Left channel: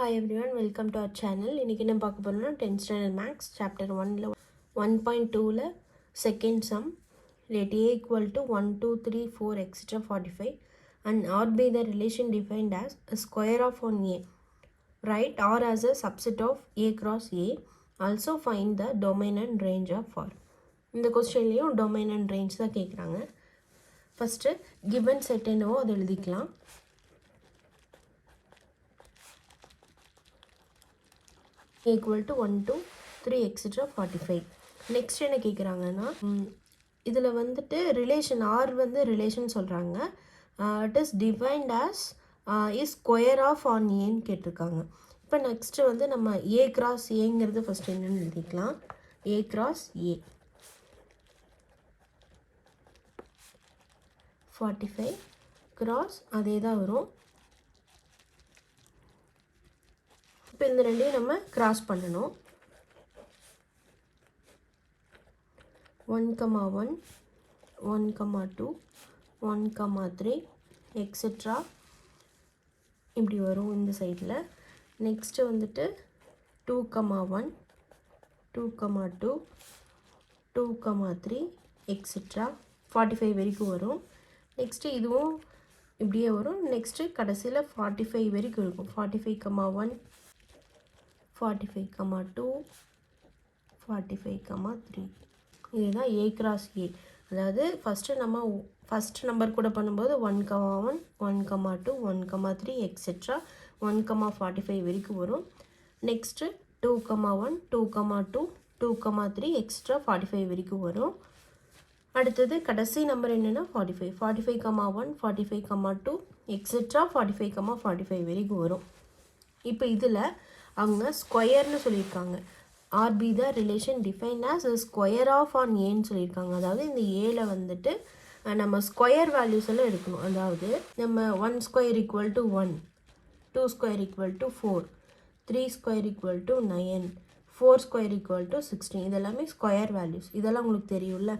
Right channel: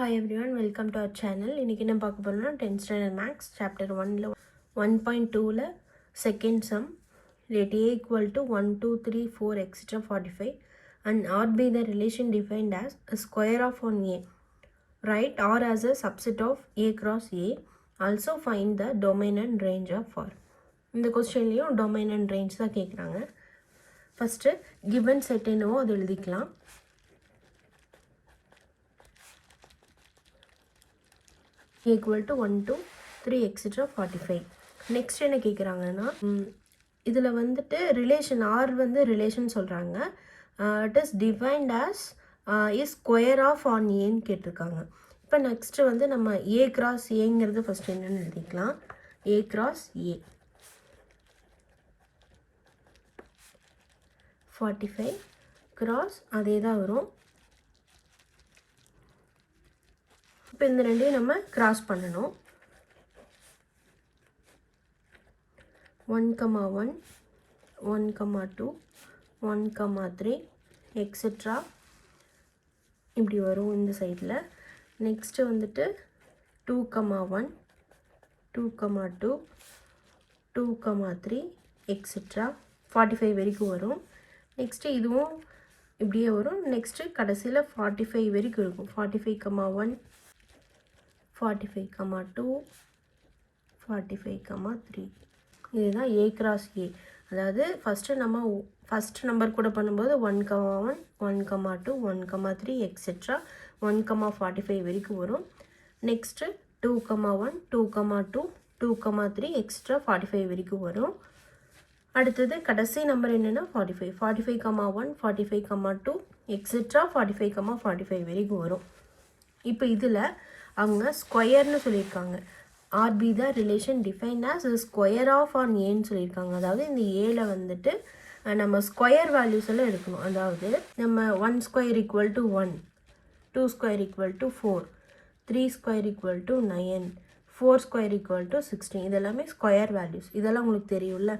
Hi everyone, welcome to our channel. இன்னைக்கு என்ன பார்க்க போறோம்னா 10th standard maths chapter 1ல 1.2ல second sum let a equal to 1 2 3 4 etc 45 and R be the relation defined as a square of on a. Write R as a subset of a cross a. Also find the domain and range of R. இந்த क्वेश्चनலயும் domain and range தான் கேக்குறாங்க. First given set என்னவோ அது எழுதிக்கலாம். equal to 1 2 3 etc 45. Next என்ன கேட்குறாங்கன்னா இதில் வந்துட்டு ரிலேஷன் ஆர் வந்து ரிலேஷன் சொல்கிறாங்க. It is defined as is square of on ஏன்னு கேட்டிருக்காங்க. இப்போ நெக்ஸ்ட்டு வந்து நம்ம ஏ கிராஸ் ஏங்கிறது ஃபஸ்ட் என்னன்னு எழுதிக்கலாம். ஏ கிராஸ் ஏ 45 கிராஸ் அதே தான் வரும். இப்போ இந்த ரெண்டையும் நம்ம கிராஸ் பண்ணணும். 1 1 1 2 1 3 எக்ஸெட்ரா இப்படி வரும் இந்த சைடில். நெக்ஸ்ட்டு வந்துட்டு 2 1 2 2 2 3 எக்ஸெட்ரா 45 வரைக்கும் வரும். நெக்ஸ்ட்டு இதுவும் இப்படியே வரும். நெக்ஸ்ட்டு கடைசியில் 45 வரைக்கும் இருக்கும். 45 1 45 2 45 3 இதுதான் ஏ கிராஸ் ஏ. அதாவது ஃபஸ்ட்டு நம்பர் கூட பண்ணும்போது 1 1 1 2 1 3 எக்ஸெட்ரா 1 45 வரைக்கும் வரும். நெக்ஸ்ட்டு 2 1 2 2 2 3 எக்ஸெட்ரா 45 வரைக்கும் வரும். அடுத்தது கடைசி நம்பர் என்னென்னா 45 45 1 45 2 எக்ஸெட்ரா 45 45 வரைக்கும் வரும். இப்போ இதில் அவங்க ஸ்கொயர்னு சொல்லியிருக்காங்க. R be the relation define as square of on ஏன்னு சொல்லியிருக்காங்க. அதாவது இந்த ஏல வந்துட்டு நம்ம ஸ்கொயர் வேல்யூஸ் எல்லாம் எடுக்கணும். அதாவது நம்ம 1 square equal to 1 2 square equal to 4 3 square equal to 9 4 square equal to 16 இதெல்லாமே ஸ்கொயர் வேல்யூஸ். இதெல்லாம் உங்களுக்கு தெரியும்ல.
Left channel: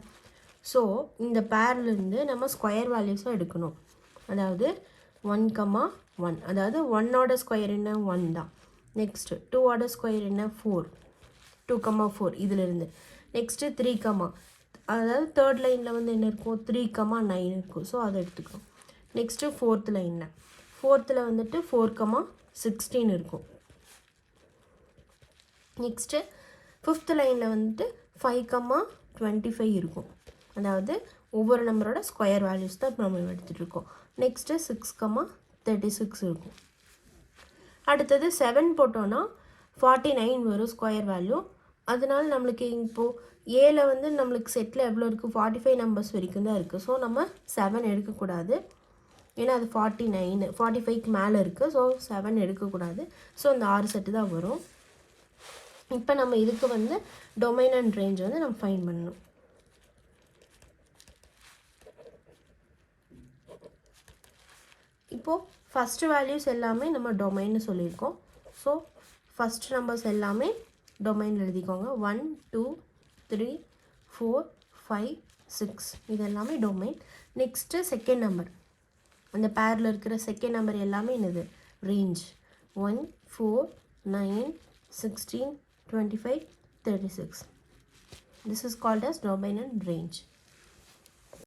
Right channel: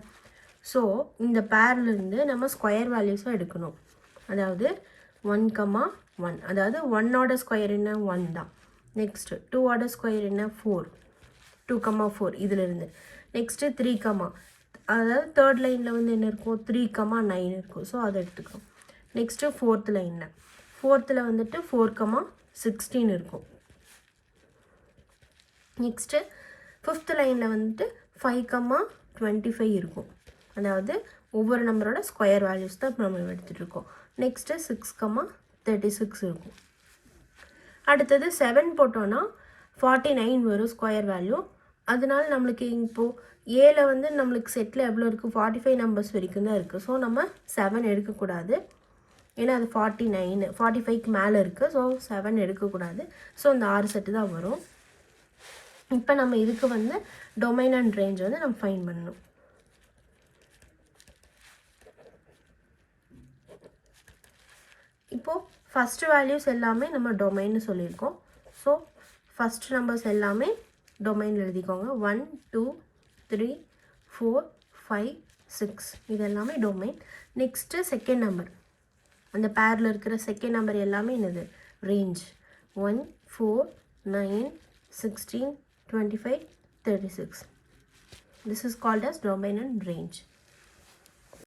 ஸோ இந்த பேர்லேருந்து நம்ம ஸ்கொயர் வேல்யூஸாக எடுக்கணும். அதாவது 1 1 அதாவது 1ஓட ஸ்கொயர் என்ன 1 தான். நெக்ஸ்ட்டு 2ஓட ஸ்கொயர் என்ன 4 2 4 இதிலிருந்து. நெக்ஸ்ட்டு 3 அதாவது தேர்ட் லைனில் வந்து என்ன இருக்கும் 3 9 இருக்கும். ஸோ அதை எடுத்துக்கிறோம். நெக்ஸ்ட்டு ஃபோர்த் லைனில் வந்துட்டு 4 16 இருக்கும். நெக்ஸ்ட்டு ஃபிஃப்த் லைனில் வந்துட்டு 5 25 இருக்கும். அதாவது ஒவ்வொரு நம்பரோட ஸ்கொயர் வேல்யூஸ் தான் இப்போ நம்ம எடுத்துகிட்டு இருக்கோம். நெக்ஸ்ட்டு 6 36 இருக்கும். அடுத்தது 7 போட்டோன்னா 49 வரும் ஸ்கொயர் வேல்யூ. அதனால நம்மளுக்கு இப்போது ஏல வந்து நம்மளுக்கு செட்டில் எவ்வளோ இருக்குது 45 நம்பர்ஸ் வரைக்கும் தான் இருக்குது. ஸோ நம்ம 7 எடுக்கக்கூடாது. ஏன்னா அது 49 45க்கு மேலே இருக்குது. ஸோ 7 எடுக்கக்கூடாது. ஸோ அந்த 6 செட்டு தான் வரும். இப்போ நம்ம இதுக்கு வந்து டொமைன் அண்ட் ரேஞ்ச் வந்து நம்ம ஃபைண்ட் பண்ணணும். இப்போது ஃபஸ்ட்டு வேல்யூஸ் எல்லாமே நம்ம டொமைன்னு சொல்லியிருக்கோம். ஸோ ஃபஸ்ட் நம்பர்ஸ் எல்லாமே டொமைன் எழுதிக்கோங்க. 1 2 3 4 5 6 இது எல்லாமே டொமைன். நெக்ஸ்ட்டு செகண்ட் நம்பர் அந்த பேரில் இருக்கிற செகண்ட் நம்பர் எல்லாமே என்னது range 1 4 9 16 25 36. This is called as domain and range.